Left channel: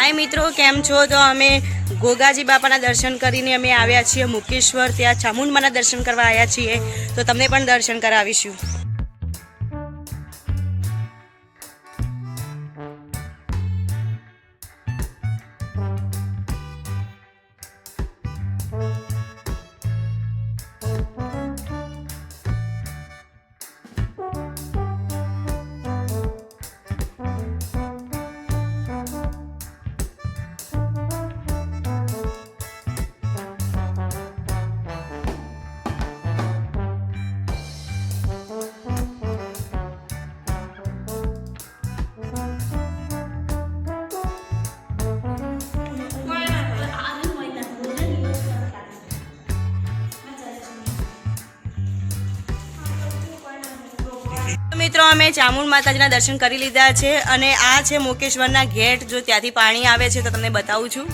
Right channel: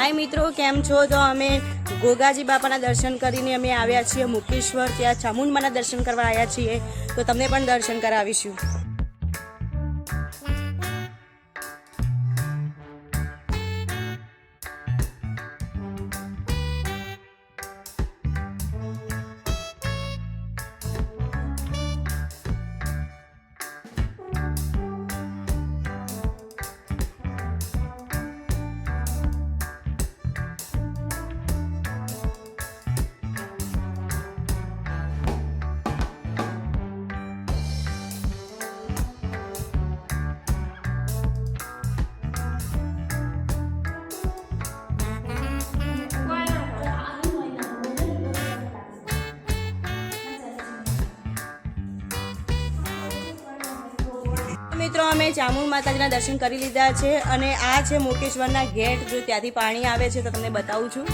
हाय मित्रों केम छो। तो अमे गोगाजी बापाना दर्शन करीने अमे आव्या छीए मुकेश्वर। त्यां चामुंडमाना दर्शन करवा आव्या छीए, तो तमने पण दर्शन करावीशुं। मित्रों अमे चामुंड माताजीना दर्शन करी लीधा छे अने आ छे मुकेश्वरना गेट। जो त्यांथी पाणी आवे छे तो तमने बतावुं छुं।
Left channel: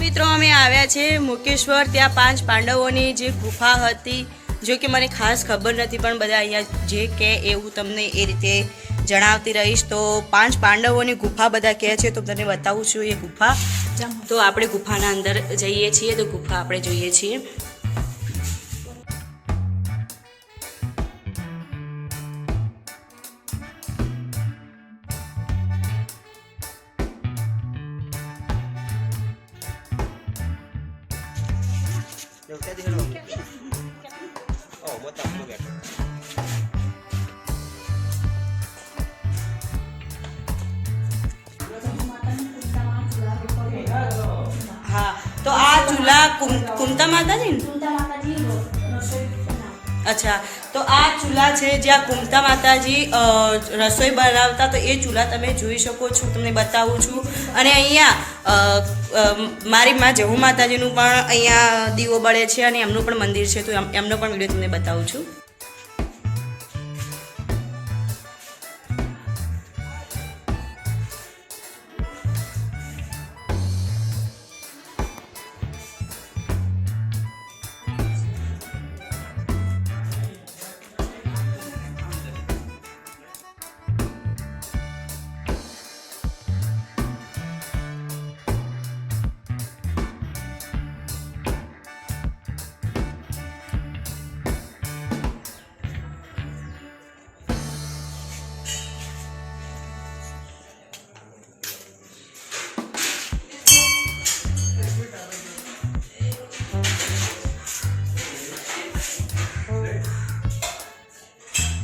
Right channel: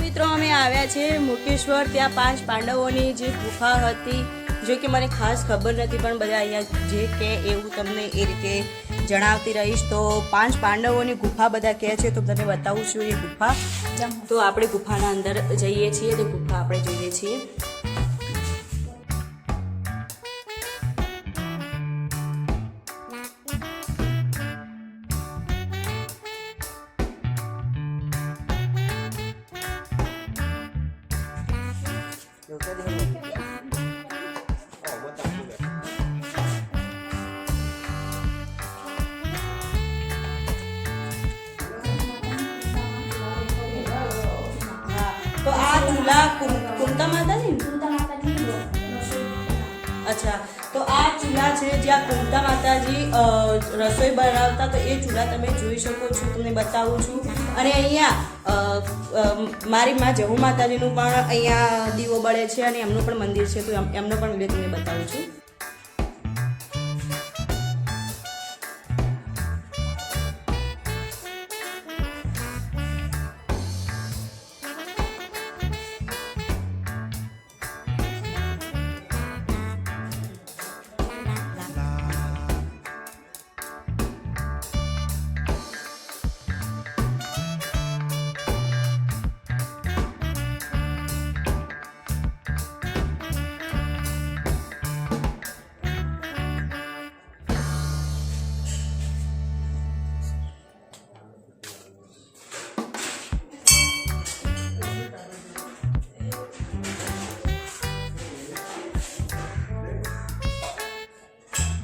मित्रों अमे आव्या छे मुकेश्वर। त्यां 5 पांडवोनी जे गुफा हती, जो कि मने खास खबर नथी, पण बधा अहींया जे के एवुं तमने ए रीते जणावती रहीश। तो 5 पांडवोनी गुफा बधा कहे छे, तो तने बतावुं छुं ए गुफा। तो आपणे गुफाना अंदर जईए छीए, तो गुफा आपणे जोईए छीए। हाँ, तो आ चूल्हा कुमता माताजी अच्छा, तो आ चूल्हा है ज्यां कुमता माताजी रसोई बनावता। तो ये चूल्हा तमे जोई शको छो, तमने बतावुं छुं। अने अहींया मारी मां जहू माताजीनुं पण अहींया दीवो बळे छे अने एमनुं पण मंदिर छे, तो एमनो पण विडियो तमने बतावुं छुं।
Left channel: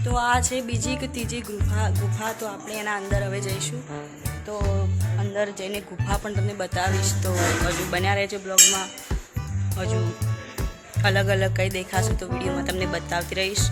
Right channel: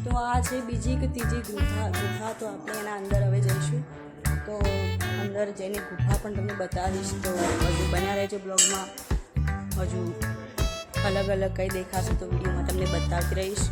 तो आ छे बीजी के तीजी गुफा। तो आपणे एना अंदर हवे जईशुं। तो अंदर जईने गुफा पण तमने बतावीश। तो हजू बन्या रहेजो ब्लॉगमां। हजू अलग अलग कई देखाशे तो विडियोमां तमने बतावती रहीश।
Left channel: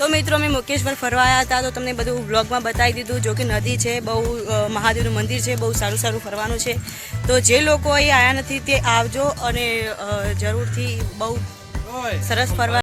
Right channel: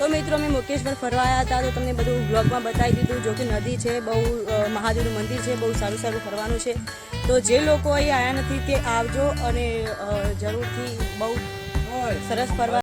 तो मित्रों में मुकेश्वर फरवा आया था। तो तमने बधुं ब्लॉगमां बतावी दीधुं। जो कि नदी है, बहु महादेवनुं मंदिर है, बहु सारूं सारूं फरवानुं छे। तो जे लोको અહીં आया नथी ते आवजो अने जरूरथी बहु सरस फरवा।